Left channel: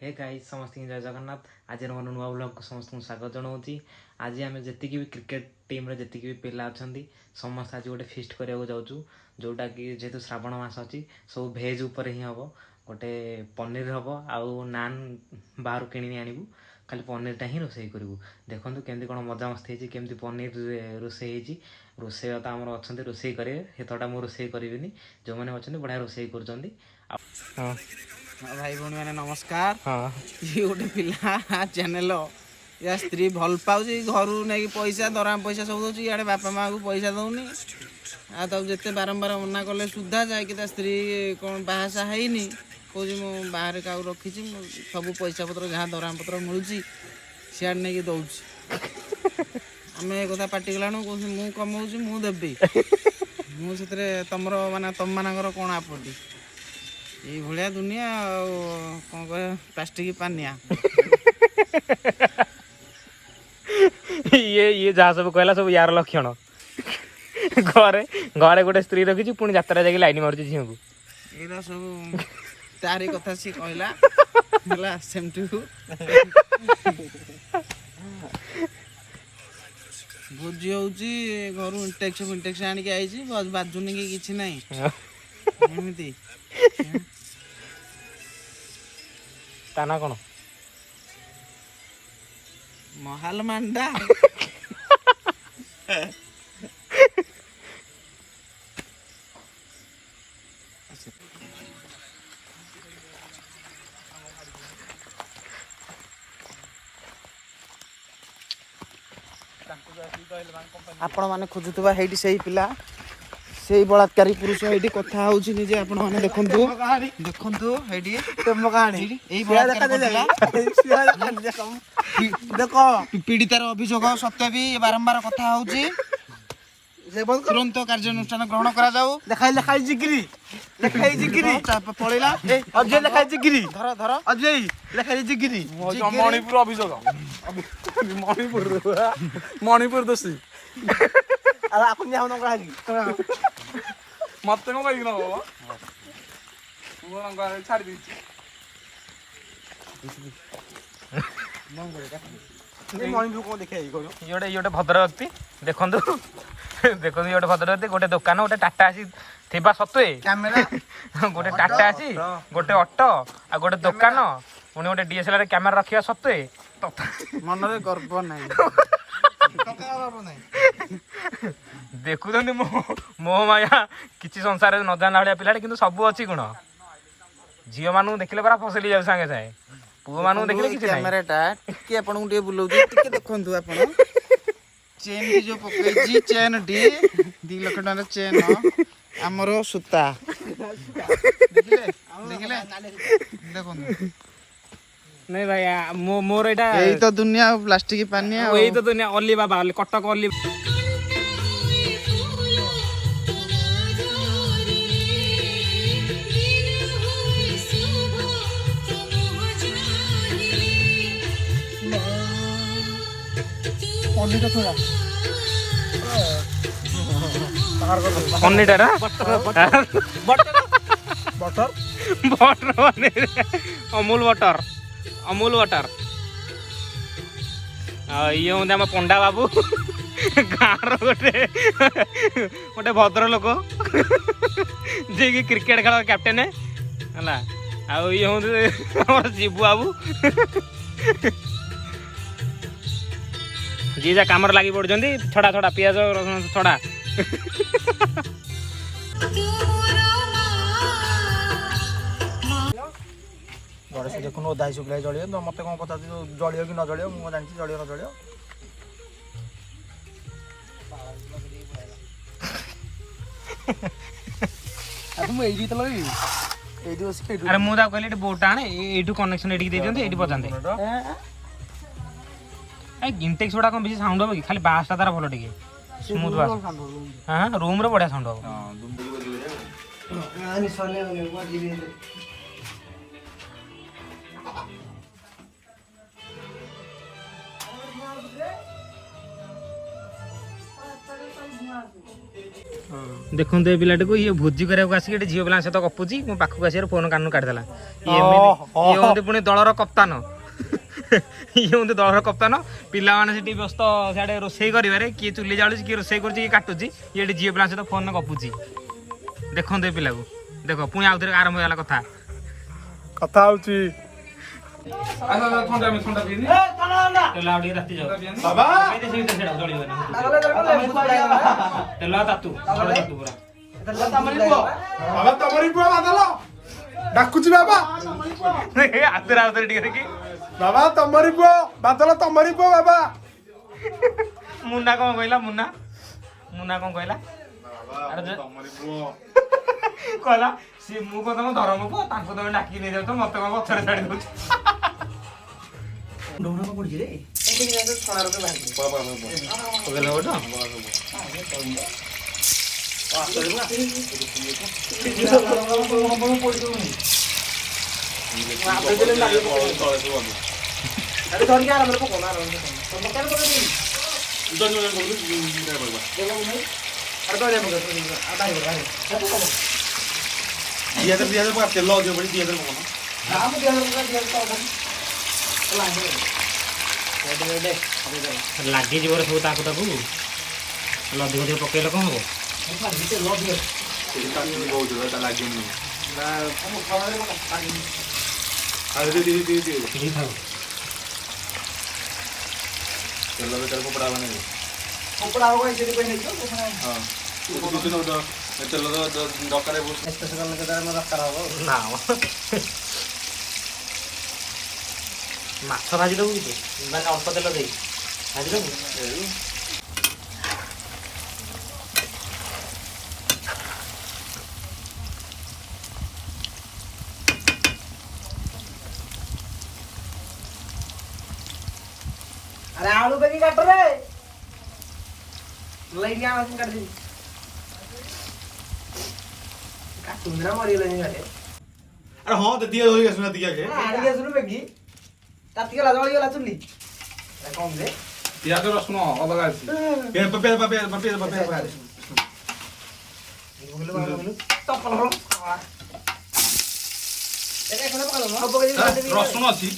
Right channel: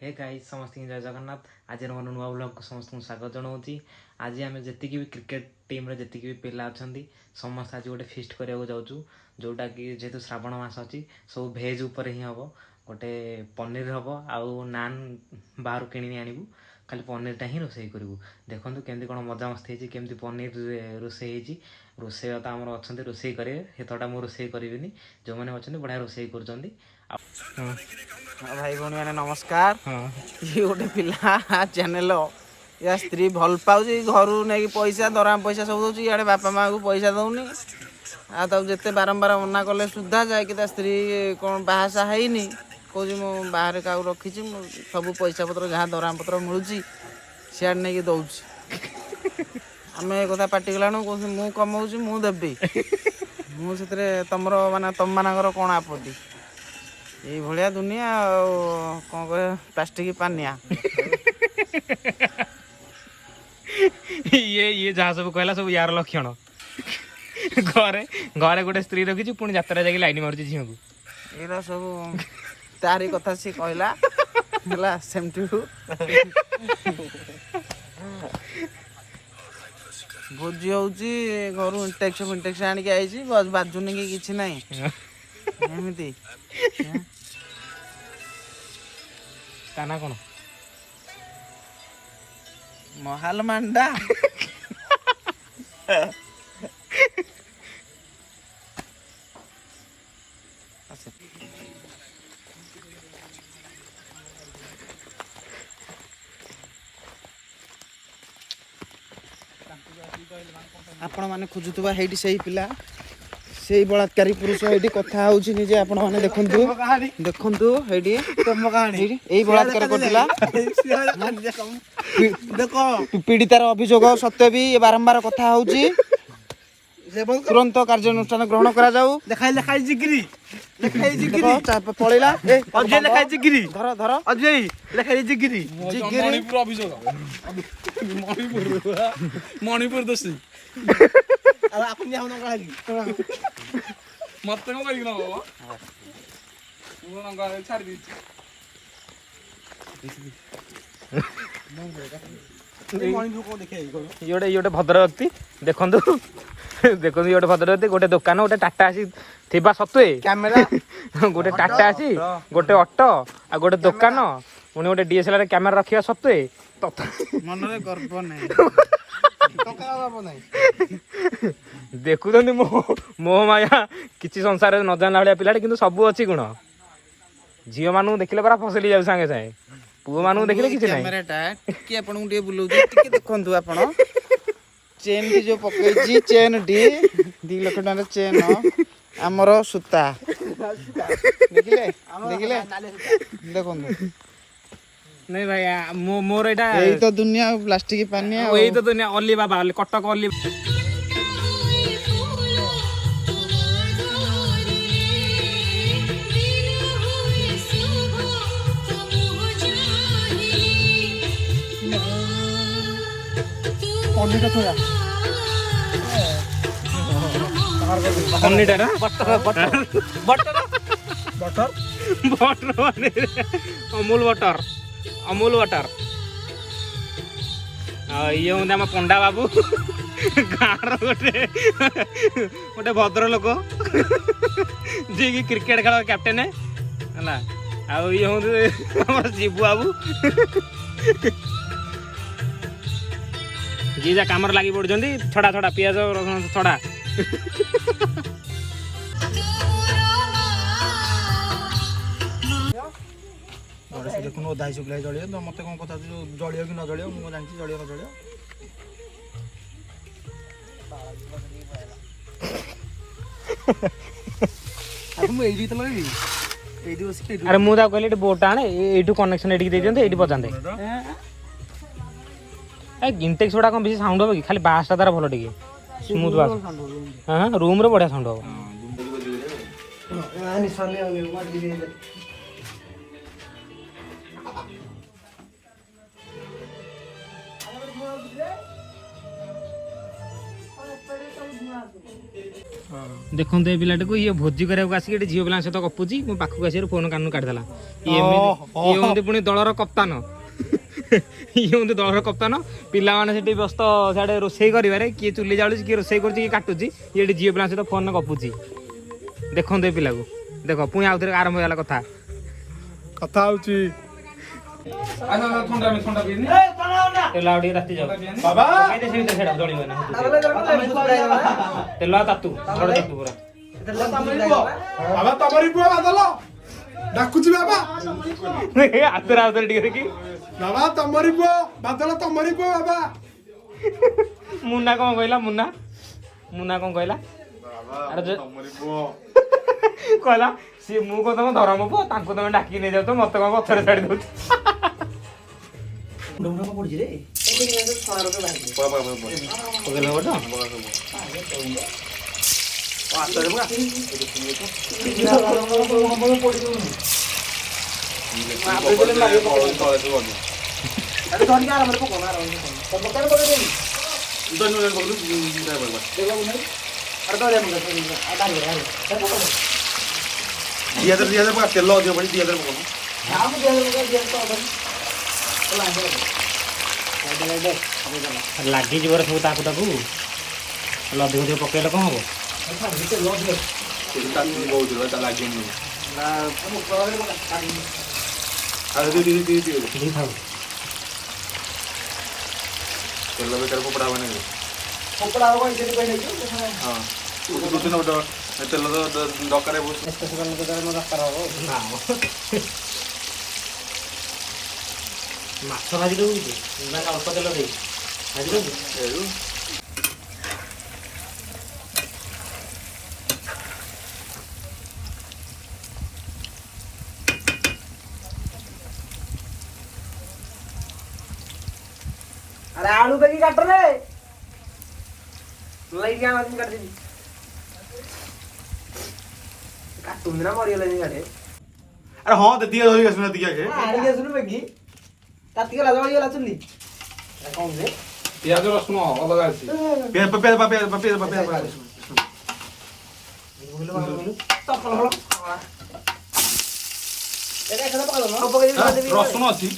Hey guys समस्त जय जगन्नाथ। आज मोर नुआ ब्लॉग को समस्त स्वागत जनाऊँगी। आज आम जी भी क्रिकेट टीम रे जी भी पिला अच्छा समस्त आज गोटे फिस्ट करने जाऊँ जोटा कि जेहेतु श्रावण मास अच्छी सब भेज उपर ही हम गोटे पनीर हम आउ नान बाहर किणी आणबू खाली पनीरटा ही रोसे करूँ। देखो केमती कौन मजामस्ती होती केमती पनीर रोसे रोसे तो आम अच्छा रोसे करेंगे हेतटा मुझे रोसे करी जो मैंने अच्छा बढ़िया रोसे कर भाई भौणी मैंने नमस्कार। ये गोटे पिला चैनल या स्त्री भल पाऊँ घर नहीं पैसा दरमा पैसा सब दूसरी इे बापा माँ को पैसा दौनी आते बारंबार मना कले सुधा जाकि स्त्री कौन बाहासा है कौन मु बाहर क्या रखी सब पैसा पत्र जहाँ दरमा पत्र मिलूँ सियाड़ नहीं दौर आम एक पार्टी गलाणु कौन मु कमाऊँ मुझे मुझे तुम माने तुम मानकर कौन आपत्ति ये भलिया दुनिया कौन कह प्लास्टिक पानिया ये जहाँ सब कहला सब यार लक्षण घरे घरे गोटे स्त्री रखी पुणी जात्रा जाकि लाइन मारुची झील को ये सब तारी कथा सी कहला सेमती भोजी होची घर इंटेक्स आनिक आई बस बाजुनी कि किछि नहीं एमती ताना कौन महाल मांडा आपण माने खोजुतबा हेडी सही पिला सही बलात्कारी पुरुष हेडी कथा होउची निजे आपण माने देखंतु देखंतु हेडी तुम कहानी एई बलात्कार पिला देखो पीड़ितार अभियोग सत्य भी बारंबार कथा होउची तुरंत कार्यानुष्ठान ग्रहण करा जाऊ देखाई लेखाई जिगिरी पळेला अजय लेखाई जिगिरी धर धर अजय लेखाई जिगिरी मणिपुर अभियोग मणिपुर दोषी अब आपण जाऊ नका मत कौन कह बाबा छाड़ दी मणिपुर कौन देखा ये भद्रवती देखो देखो ये भद्रवती गोटे दुकान गोटे टाटा आसी थिबा सत्वे कैमेरा गोटे टाटा आसी गोटे ऑटो आ गोटे दुकान पुणी गोटे डीएसएलआर कैमेरा रखिया सत्वे मन रे गर्व नहीं देखुं मोह माया किसी संसार न जाना भाया पिला कि सब अच्छी गुण झील मानू देखले परा फसली जाऊ सांगे सांगे पुओ मानू देखले कैमेराटा टिके आपन टिके बुलाउची टिके देखंतु आपन चेन की जो पकईची चेन डी 2 लाख टका चेन हमर सुता देखिले देखिले देखंतु नहीं भाई मोर एटा एई तो दुनिया प्लास्टिक पानिया एई तो दुनिया Ali Baba Cuttack Ali paneer butter Amul butter Amul butter ये हूँ आम पंडा बाबू गाँव गोटे गोटे भद्र लोक जी कि क्रिकेट खेल कैप्टेन है ये हूँ शिबू बाबू जी जा कम लगी पड़े छड़ा छड़ा पियाज रसुण छड़ा गणेश देखुन ओदा शुक्ला जलियो तो मत कौन पता जलियो कि न जलियो मुझे जानती जलियो न जलियो मुझे तो लगे अरे मुझे कहली बोट आने ये कनेक्शन ये पचाते इंटेक्स गुड़ा कौन बेसी साउंड हो कि खाली बाँसटा तार भल टे रूम रे बढ़िया साउंड ଦେଖନ୍ତୁ ଏ ପିଲାଟାକୁ ଇଏ ଭୋଜି କରିବାକୁ ଆସିକି ଏଠି ଝିଅ ପିଲାଙ୍କ ସହିତ ଗପୁଛି ମୋ ପାଖକୁ ଆସିବାର ଫୋନ କାନରୁ କାଢିଦେଲା ଇଏ ହନ୍ତି ପୁଣି ଦଳର କପ୍ତାନ ଇଏ ହନ୍ତି ଦଳର କପ୍ତାନ ପିଲାମାନେ ସେଠି ବ୍ୟସ୍ତ ସିଆଡେ ରୋଷେଇ କରିବାରେ କିଏ ଚୁଲି ଜାଳୁଛି କିଏ ରୋଷେଇ କରୁଛି କିଏ କାଟୁଛି ଇଏ ଏଠି ଝିଅ ପିଲାଙ୍କ ସହିତ ଫୋନରେ ଗପୁଛି ଦେଖନ୍ତୁ ଏ ପିଲାକୁ ଦେଖ ପୁଣି ଆଉ ଥରେ ଆରମ୍ଭ ହେଇଗଲା କଥା ହଉଛି ତେଲ ଆଉ ଟିକେ ରାତି ଯାଉ ବାବା ତେଲ ଆଉ ତାତୁ ପୁରା ବାବା ତମରି ପୁଅ ବାଦଲ ଡାକୁଛି ବାବା ହାତରେ ହାତରେ ଟିକେ ଦେଖି ବାବା ତମରି ପୁଅ ବାଦଲ ତମରି ପୁଅ ବାବା ମୁନା କଣ କହିଲା ମୁନା କଣ କହିଲା କହିଲା ସିଏ ମୁଁ କଣ ତମ ଧରମ ପୁଅ ତାଙ୍କୁ ତମେ ଡାକି ନେଇଯାଉଛ ମତେ କଣ ପଛରେ ଛାଡି ଦଉଛ ପଡିଛି ରେ ତେଲ ଅଧିକ ପଡି 2000 ଲାଗିଯିବ ସବୁ ତାକୁ ତାକୁ ଅଧିକ ଅଧିକ ପକେଇଲେ କଣ ହବ ତେଲ ବେକାର ଫୋପଡ଼ା ହବ ନାହିଁ ତେଲ ଦରକାର ମାଛ ଭାଜି ଦବୁ କି ନା ଅଳ୍ପ ତେଲ ଦେଇ ଭାଜି ଦବୁ अरे आलू पे काट रे लई क्या आलू काट दी काटू ना मरी गले गाडे अरे हाँ तो दिया धोरी गसना दिया के आड़ी के सुनु बेगी काटी गला जळी गला चुली अरे कौन से पियाज रसुन अलग अछि पे तपल हलो एका खना पकड़ लो पकड़ रसुन अछि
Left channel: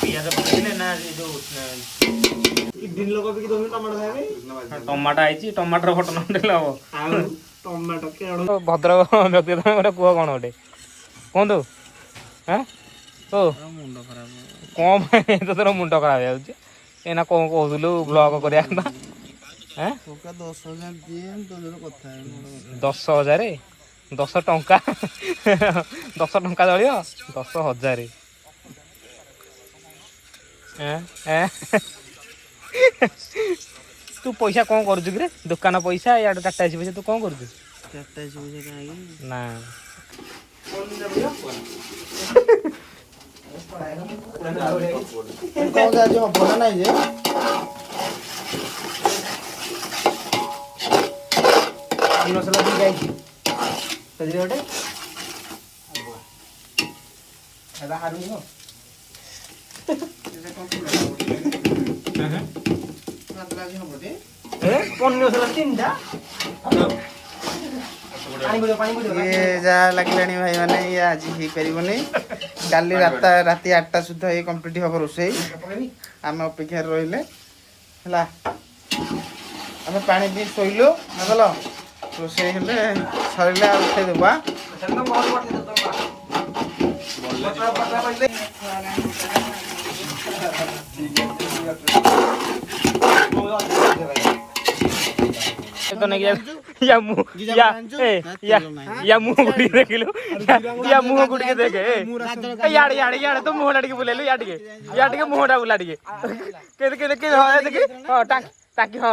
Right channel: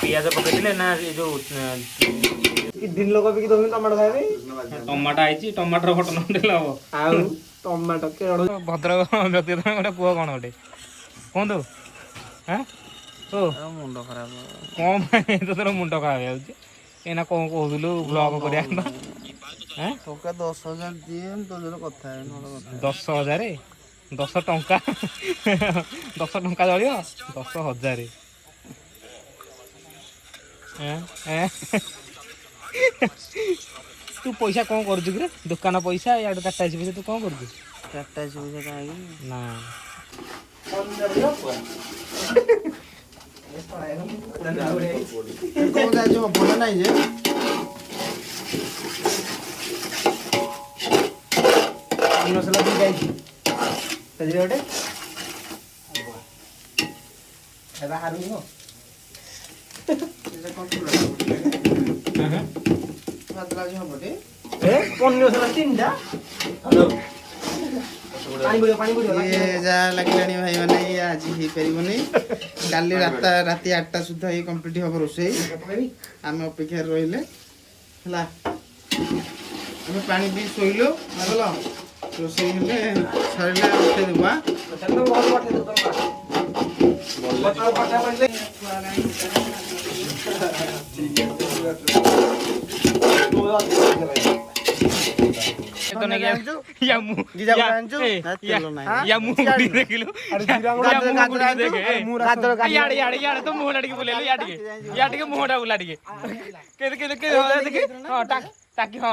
ପିଆଜ ପକେଇଥିଲେ ନା ଏ ଯୋଉ दिन लोग भी दो टमाटो खाइबे ଟମାଟୋ ଆଇଛି ଟମାଟୋର ଫଟୋ ନଦେଲେ ହବ ଆଉ ଟମାଟୋ କେଡ ଭଦ୍ରକ ବ୍ୟକ୍ତିଗତ ଗୋଟେ ପୁଅ କଣ ଗୋଟେ କୁହନ୍ତୁ ମୁଣ୍ଡ ଖରାପ କଣ ପାଇଁ ତୋର ମୁଣ୍ଡ ଖରାପ ହେଇଯାଉଛି ଏଇନା କଣ କହୁଥିଲୁ ବ୍ଲଗ କରିବା ଟଙ୍କା 10,000 ଦିଏ ତୋ ସହିତ କଥା ହେବି 10,000 10 ଟଙ୍କା 10 ଟଙ୍କା ଚଳିବ 10,000 ତୁ ପଇସା କଣ କରୁଛୁ କିରେ ଦୋକାନ ପଇସା ଇଆଡେ ଟାଟା ଏସି ପଇସା ତୁ କଣ କରୁଛୁ ଚାରଟା ପଇସା କାହିଁକି ନା କଣ ଯାଉଛି ହବ ନା ନାଇଁ ଯେ ମସଲା ବି ଯାଇଛି ସେଥିରେ ଗୋଟେ ଏବେ ହାରୁନି କଣ ଯାହା ଲାଗିଲାଣି ଭାଇ ମାନେ ଇଏ ଆଜି ହେଇପାରିବନି କାଲି ରାତି 8ଟା ସୁଦ୍ଧା ଇଏ କମ୍ପ୍ଲିଟ୍ ହବ ରୋଷେଇ ଆମେ ଅପେକ୍ଷାରେ ରହିଲେ ହେଲା ଆମେ ପାଣି ପିଇ ଶୋଇଲୁ ଭଲ ରୋଷେଇ ହେଲେ ସରିଲେ ଆଉ ଉଠେଇଦେବା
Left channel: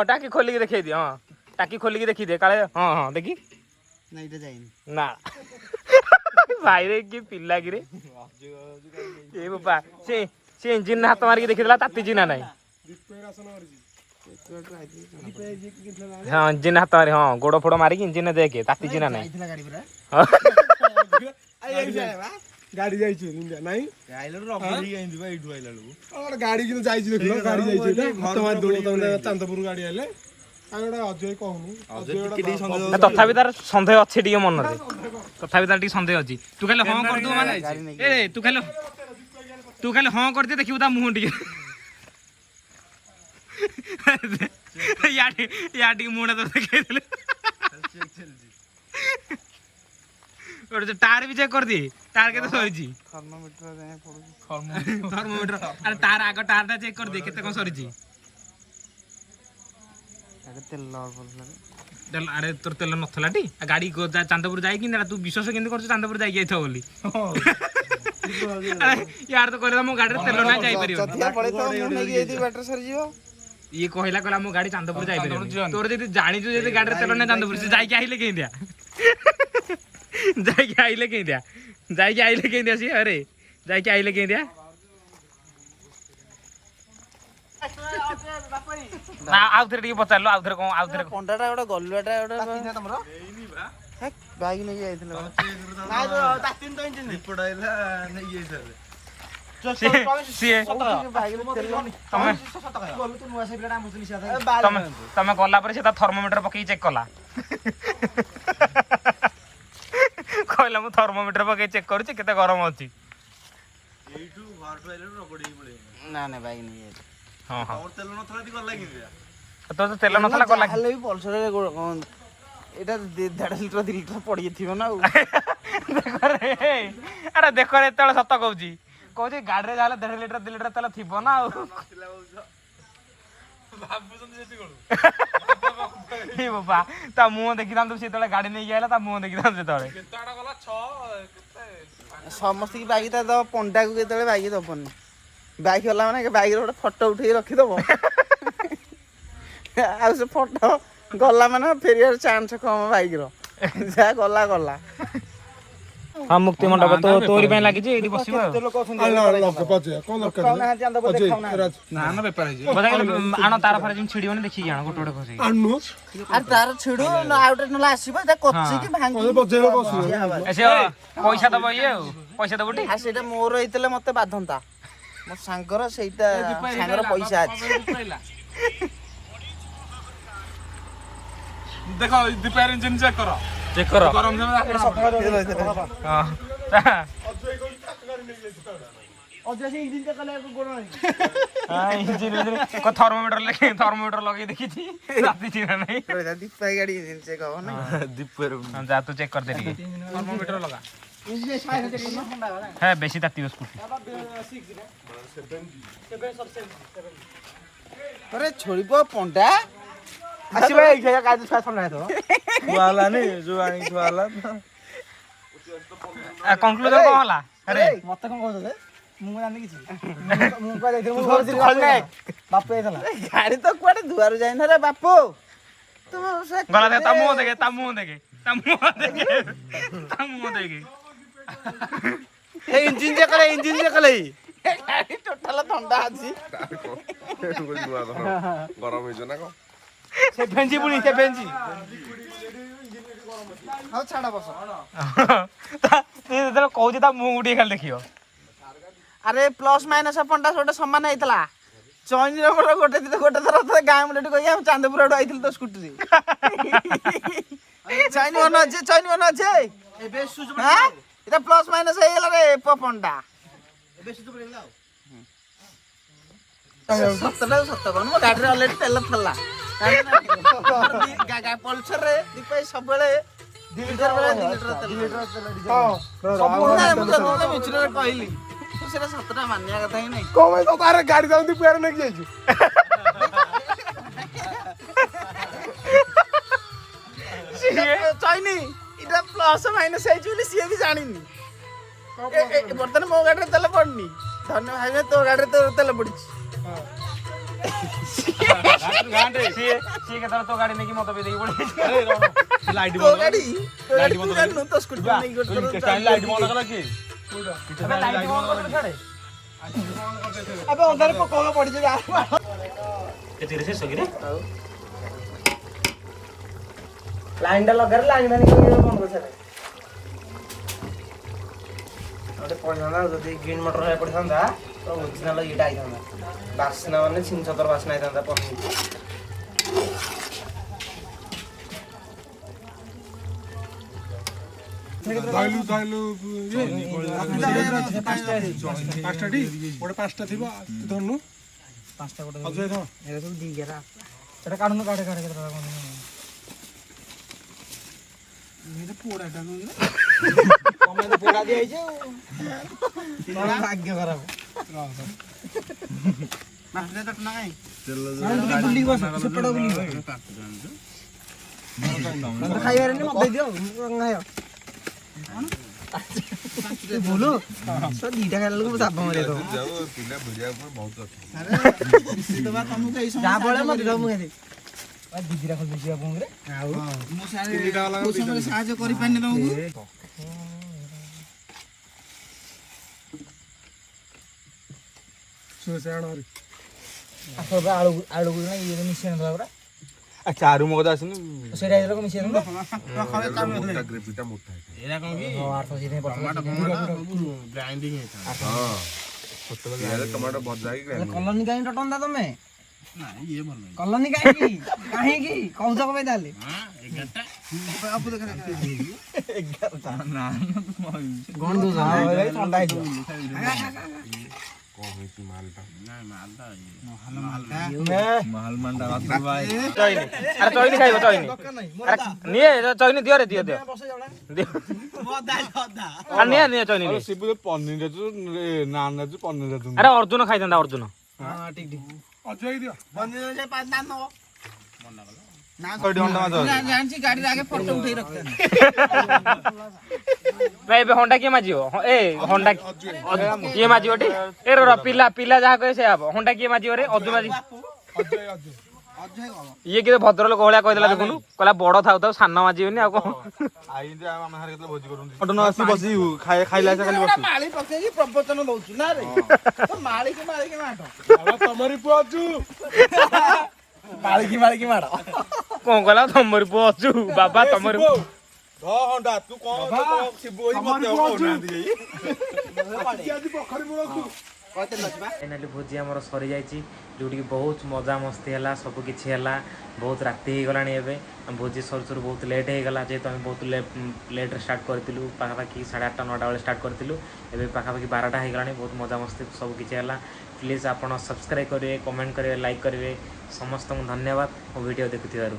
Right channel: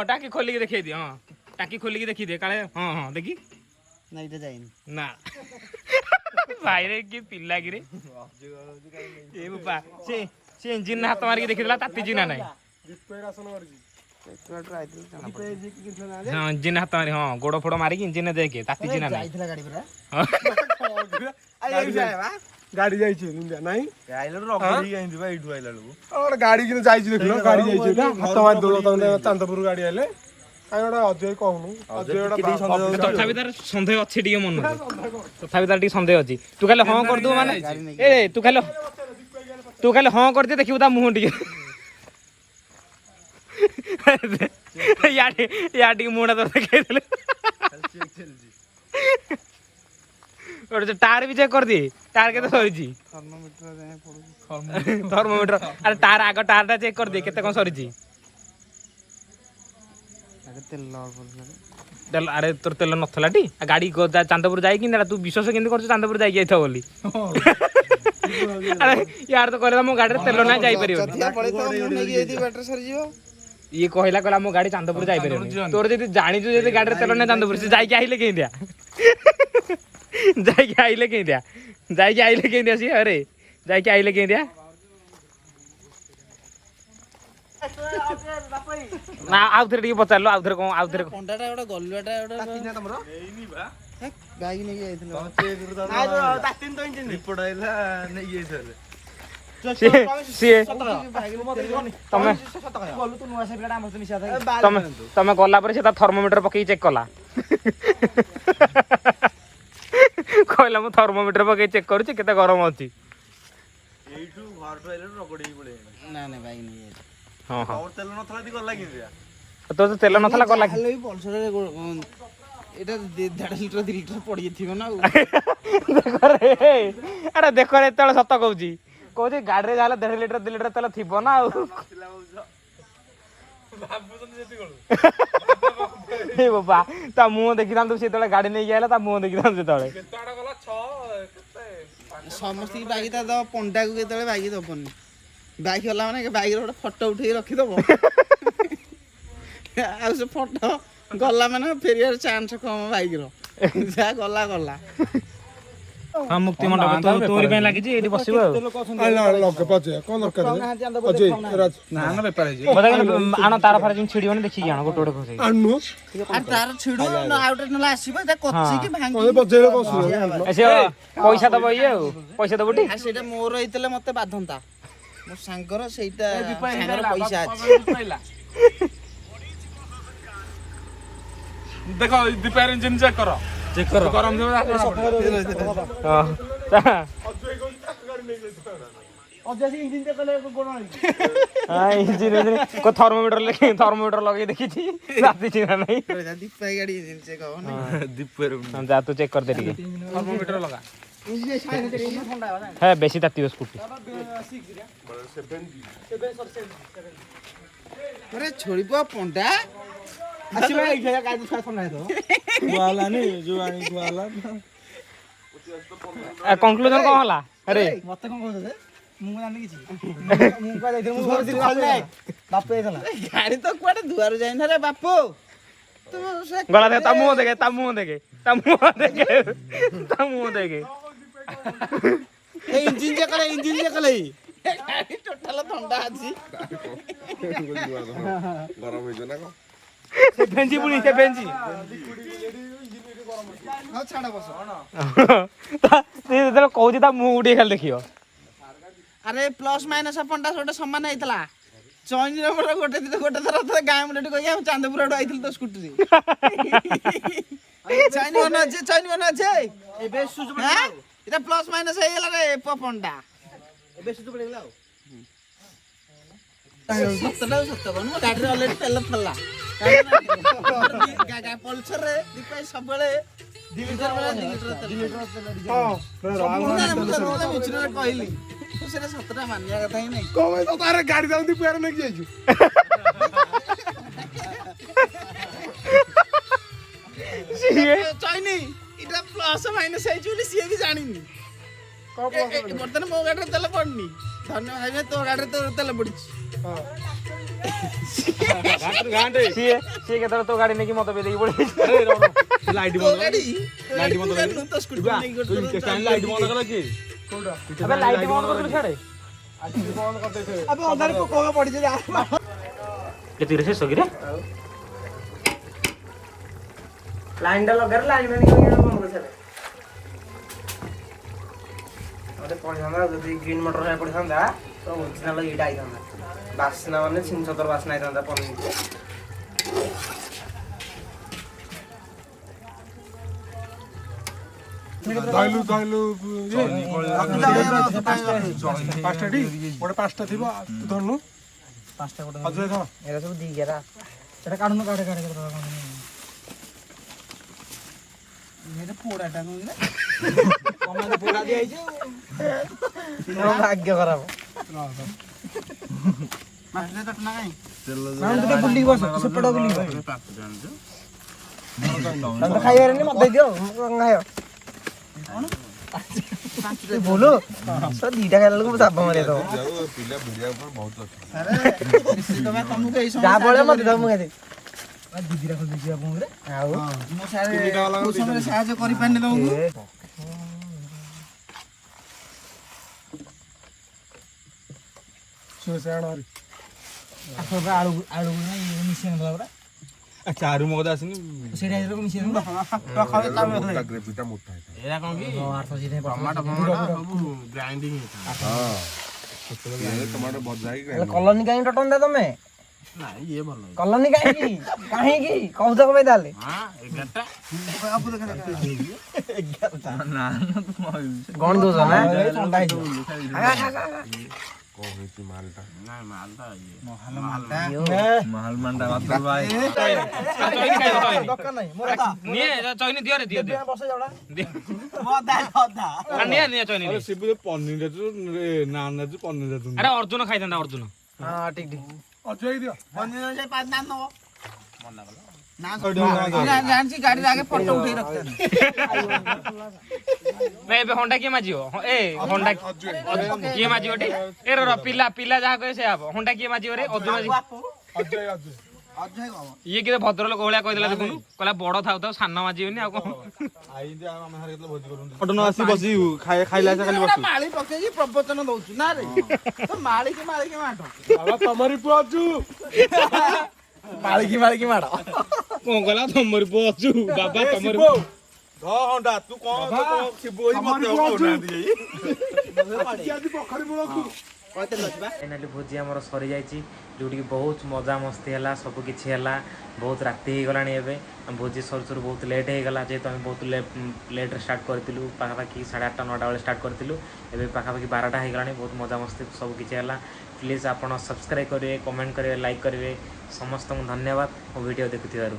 टाकी खोलिकी देखिए दिए हाँ टाकी खोलिकी देखी दे काले हाँ हाँ देखी नहीं तो जाइनी ना ଭାଇରେ କି ପିଲା କିରେ ଏ ବାପା ସେ ଇଞ୍ଜିନ ହାତ ମାରିକି ଦେଖିଦେଲା ତାତିଛି ନା ନାଇଁ ହଁ ଇଞ୍ଜିନ ହାତ ମାରି ହଁ ଗୋଡ ଫୋଡ ମାରିକି ଇଞ୍ଜିନ ଦେଖେ ତାତିଛି ନା ନାଇଁ ଗାଡି ଯାଇଛି ନାଇଁ ଗାଡି କିନ୍ତୁ ଯାଇଛି ଦେଖିଲ ଗାଡି ଯାଇଛି ହାତ ମାରି ଦୋଳ ତମେ ଚାନ୍ଦପୁର ଗାଡି ଆଇଲେ କାଇଁ ଗୋଟେ ଅଜୟ କହୁନୁ ତଥାପି ତାର ସନ୍ଦେହ ଅଛି ଟିକେ ମନରେ ତଥାପି ତାର ଟିକେ ସନ୍ଦେହ ଅଛି ତୁ ଖାଲି ହଁ କରିଦବୁ ମାନେ ଏ ତୁ ଖାଲି ହଁ କରିଦେ ଦେଖିବୁ ତା ମୁହଁ ଟିକେ ୟା ଟିକେ ମୁହଁଟା ତ ଦେଖେଇଦେଲେ ଟାର ବି ଚେକ୍ କରିଦିଏ ଟାର କେତେ ସରିଛି ଥର୍ମୋମିଟର ଆରେ ତାର ଆଗ ଟାରଟା ଚେକ୍ କରିଦିଏ କେତେ କଣ ସରିଛି ଆରେ ତୋର ତେଲ ନଥିଲା ଟି ଗାଡି ଚାନ୍ଦପୁର ଯାଇକି ତୁ ବିଶ୍ୱାସ କେମିତି କରୁଛୁ ଚାନ୍ଦପୁର ଯାଇକି ଯାଇଥାଉ ବୋଲି ୟାର ତ କହିଲା ମୋ ଗାଡିରେ ତେଲ ନାହିଁ ଯାଇପାରିବ ଇଏ କହିଲା ମୋ ଗାଡି ଚାନ୍ଦପୁର ଯାଇପାରିବନି ତୋର ଯଦି ଜାଣିଛୁ ଯଦି ଗାଡିରେ ତେଲ ନାହିଁ ଚାନ୍ଦପୁର ସେ ଯାଇକି ଆଇଲେ କେମିତିଆ ଯାଇକି ଆଇଲେ କେମିତିଆ ସିଏ ଆରେ ଯାଇକି ଆଇଲେ କେମିତିଆ ନା ଆଉଥରେ ଟିକେ ପଚାରିଲୁ ଆଉଥରେ କଣ ଆଉଥରେ ପଣ୍ଡାଟା ଗୋଟେ ଗଲୁଆଟା ଗୋଟେ ବାଇକ୍ ନେଇକି ଯାଇଥିଲା ତମେ ଗଲା ପରେ ସେ ତା ଥର୍ମୋମିଟର ପକେଇକି ଚେକ୍ କଲା କହିଲା ମୁଁ ଥର୍ମୋମିଟର ପକେଇ ଚେକ୍ କରୁଛି କେତେ ଗରମ ଅଛି ନା ନା ବାଇକ୍ ନେଇକି ଯାଇଥିଲା ତୋର ତେଲ ନଥିଲା ଗଲା ହେଲେ ବି ପଲସରରେ ଏଇଟା 1.5 ଲିଟର 2 ଲିଟର ପଡିଯାଇଥିବ ନା ଆଉ ଆରେ ଦେଖ ଏତେବେଳେ ସତ କହୁଛି ଗାଡିରେ ଯାହେଲେ 1.5 ଲିଟର 2 ଲିଟର ତେଲ ଥିବ ନା ଆଉ ବାବା ତା ମୁହଁ ଦେଖିଥାନ୍ତୁ ସେତେବେଳେ ଗାଡି ନେଇକି ଆଇଲା ତା ମୁହଁ ଦେଖିଥାନ୍ତୁ ସେତେବେଳେ ସମସ୍ତଙ୍କୁ ବାଇକ୍ ତା ଦବ ପଣ୍ଡାକୁ କେତେବେଳେ ବାଇକ୍ ଦବନି ବାଇକ୍ ଗଲା ମାନେ ବାଇକ୍ର ଗୋଟେ ଫଟୋ ଉଠେଇକି ରଖିଦବ ଆଉ ସେ ଫଟୋ ଗଲା ମାନେ ଫେରିବାର ଚାନ୍ସ କମ ବାଇକ୍ର ଯାହା ଗଲା ହଁ ମୁକ୍ତି ମଣ୍ଡପ ତୋରି ପାଇଁ ଲାଗିଛି ଏଇଠି ବସିବୁ ଆଣ ତାର ଫାର ଯେମିତି ଛିଡିବନି ଦେଖିକି ଆଣ ଗୋଟେ ଖୁସି ତାର ଛିଡୁ ଆଉ ଗୋଟେ ନହେଲେ ଆସିବ କଚିକି ଭାଙ୍ଗି ପଇସା ଦବ ଇଏ ଆଉ ପଇସା ଦବ ସେଇଟା ମୋର ହେଇଥିଲେ ମତେ ବାଧନ୍ତା ମୋ ସାଙ୍ଗର ସେଇଟା ସାଙ୍ଗର ପଇସା ଅଛି ଦେଖ ରିପେୟାର ଇଞ୍ଜିନ ଚେକ୍ କର ଥର୍ମୋମିଟର ଲଗେଇ ଦେଖିଛି ଦୀପା ଗାଡି ଇଞ୍ଜିନ ଚେକ୍ ହବ ନା ଯା ତୁ ଚେକ୍ କରିଦେ ଟିକେ হ্যাঁ বেশি তাতিব স্কুটি আরে ছড়িব পন্ডা আসি ভাই এইখানে কাজ ছাড় না তো ওয়ালা নে जो আনি ওয়ালা কনক্লুজন কোন হলা আরে মতে কোন কইছ রে ମୁଁ ଜାଣି କିଛି ମୁଁ କହ ଯାଇଥିଲି ମୁଁ ଘରଥିଲି ବାପ ଯାଇଥିଲା ଗାଡି ତ କୁଆଡେ ଦୁଆରୁ ଯାଇନ ରେ ବାପୁ ଗଲା ତା ମୁହଁ ଦେଖେ ଇଞ୍ଜିନ ଚେକ୍ କଲେ ଗାଡି ଟୋଟାଲ ଥଣ୍ଡା ଅଛି ଗରମ ହେଇଛ ନା କଣ ସେ ଭେଞ୍ଜି ପୁଣି ସେ ଭେଞ୍ଜି ଆଉ ଛାଡ ବସ ଯେତେବେଳେ କହୁଛି ତା ମୁହଁ ଟିକେ ଖାଲି ଦେଖିବ ଆରେ ପ୍ଲସ ମାଇନସ ପଣ୍ଡା ଗୋଟେ ସମାନ ହେଇଥିଲା ଚଇନିର ମୋର ଗୋଟେ ଥର ଗାଁ ମୁଣ୍ଡଟି କହିକି ଆମେ ଚାନ୍ଦପୁର ଆଡୁ ଆଇଥିଲୁ ତ ସ୍କୁଟିରେ ଚଇନି ମନ ଅଛି ଏବେ এটা প্লাস মাইনাস হয়ে গেল রে পপনটা ଏବେ ସୁତ ପଡିଗଲା ଆଉ ସତ କଣ ମୋ ଗାଡିରେ ଅଲରେଡି ତେଲ ଥିଲା ପଲସର ରେ ଦୀପାଇ ସବୁବେଳେ 2 ଲିଟର ବେଳେ 2 ଲିଟର ତେଲ ମୁଁ ମିଛରେ କହିଲି ତୁ ସେଟା ସତଟା ମାନିବା କଥା ହିଁ ନାହିଁ କଣ ତ ତାର ଗାଡି ଯାଉନ୍ତି ପୁଆରେ ନେଇକି ଯାଇଛୁ ଚାଇନି এটা প্লাস মাইনাস ହେଇଛି ବୋଲି ସିଏ ବି ଜାଣିନି ବର୍ତ୍ତମାନ ମୋ ଗାଡିରେ ତେଲ ପଡୁନି ଧନ୍ୟ ଭାଇ ତୋ ଗାଡିରେ ତେଲ ପଡିଛି ସିଏ କେତେବେଳେ ତୋ ଗାଡି ନେଇକି ମତେ ବେଲେଇକି ପଳେଇଛି। ଲାଇଟ୍ ତୋ ଗାଡି ତୁ ଜାଣିନୁ ତୋ ସ୍କୁଟି ନେଇକି ଲାଇଟ୍ ବନ୍ଦ କଲା କି? ଆବେ ଅଧାରେ ପକଉക ପଡିଛି କେତେ ଶେଷ କିରେ ଲାଇନ୍ ଟା ଲଗାରେ ଲାଇନ୍ ମ୍ୟାନ୍ ବନ୍ଦ କରିସାରେ ଗୋଟେ ପଡ଼ିଥାନ୍ତା ଯଦି ଗ୍ରୀନ୍ ମଟର ଭାଇ ପଡ଼ିଥାନ୍ତା ତ ଓରିଜିନାଲ ଏଇଟା ହେଇଥାନ୍ତା ବାସ୍ନା ମାନେ ଛିଂଛତର ବାସ୍ନା ହେଇଥାନ୍ତା ପନିର ଧଇଲୁ ପାଞ୍ଚଟା ଟି ଗୋଟେ ପାଞ୍ଚଟା ଥିବ ତୁ ଧରୁନୁ ପାଞ୍ଚଟା ଗୋଟେ ଅଜୟ ଧର ଏରା ସବୁ ଦି ଗେରା ସେଟା କାଢୁନ କାଢେ ପୋଡାଟା ପୋଡା ଦିଆଯାଇଛି ଭାଗ୍ୟ ଖରାପ ଖାଇବାରେ ମତେ ଦିଅ ଖାଇବ ବୋଲୋ ଦିଟା ଖାଇଲା ବେଳକୁ ଚାପ ମାରିବ ଯାହା ଫଳରେ ମତେ ଦବ ମୁଁ ଖାଇଦେବି ଦିଦିରା ଖୋଲି ଦେଇଛି ଆପଣଙ୍କରେ ଆଉ ମୋ ସାହାଯ୍ୟ କରିପାରିନି ତମକୁ ଆଳୁ ମିଶେଇ ନଥିଲା ପୁରା ଚାରୁ ମଗଜ ଆସିନି ସେଇଟା ମିଶେଇ ଏରା କଣ କି ଟମାଟୋ ଭଜା କଲୋନୀ କାହିଁ ଟଟନ୍ତା ତମେ କଲୋନୀ କାହିଁକି କାହିଁକି କହୁଛ କଣ ପାଇଁ ତାହେଲେ ଗଣି ଦଉଛ ଥଣ୍ଡା ହେଇଯିବ ଅର୍ଜୁନ ଖାଇଥାନ୍ତା ଅର୍ଜୁନ ଜାଣିଛି ଗାଡିରେ ଆଗେ ଫଟୋ ଉଠେଇ ରଖିଥାନ୍ତି ଏବେ ହଣ୍ଡା କିଏ ମାଜିବ ଏ ହଣ୍ଡା କିଏ ମାଜିବ ଟି ଏ ପିଲା ପିଲା ଯାହା କହେ ସେ ହବ ହଣ୍ଡା କିଏ ମାଜିବ ରେ ଅର୍ଜୁନ ଇଏ କିଏ ଭଦ୍ର ଲୋକ ଭଳିଆ କହିଦେଲା ଦେଖୁନୁ କହିଲା ବଡ ଥାଉ ଥାଉ ସାନ ମାଜିବନି ଆଉ କଣ ଖାଇଲା ଖାଲି ବସୁ ମାଳି ପକେଇକି ପ୍ରବଚନ ଦଉଛୁ ନା ରେ ମାଳିକି ମାଠ ତମରି ପୁଅ ଅଛୁ ମାଳିକି ମାଡ଼ କଣ କହିଲା ତମରି ପୁଅ ଅଛୁ ବାବା ତମରି ଫାଇନାଲି ଭୋଜି ଆମର ସରିଯାଇଛି ଯେଉଁଠିକି ବହୁତ ମଜାମସ୍ତି ହେଲା ସବୁ କିଛି ହେଲା ବହୁତ ରାତି ହେଇଗଲାଣି ଏବେ ଭୋଜି ସରୁ ସରୁ ବହୁତ ଲେଟ୍ ହେଇଗଲା ଯେହେତୁ ଆମେ ବହୁତ ଲେଟ୍ରେ ଷ୍ଟାର୍ଟ କରିଥିଲୁ ପାଖାପାଖି 8:30 9ଟା ବେଳେ ଷ୍ଟାର୍ଟ କରିଥିଲୁ ଏବେ ପାଖାପାଖି 12ଟା ହେଇଗଲାଣି ବହୁତ ମଜାମସ୍ତି ସବୁ କିଛି ହେଲା ପ୍ଲିଜ୍ ଆପଣ ସବସ୍କ୍ରାଇବ୍ କରିବେ କମେଣ୍ଟ କରିବେ ଲାଇକ୍ କରିବେ ସମସ୍ତଙ୍କୁ ଧନ୍ୟବାଦ ମୋ ଭିଡ଼ିଓ ଦେଖୁଥିବାରୁ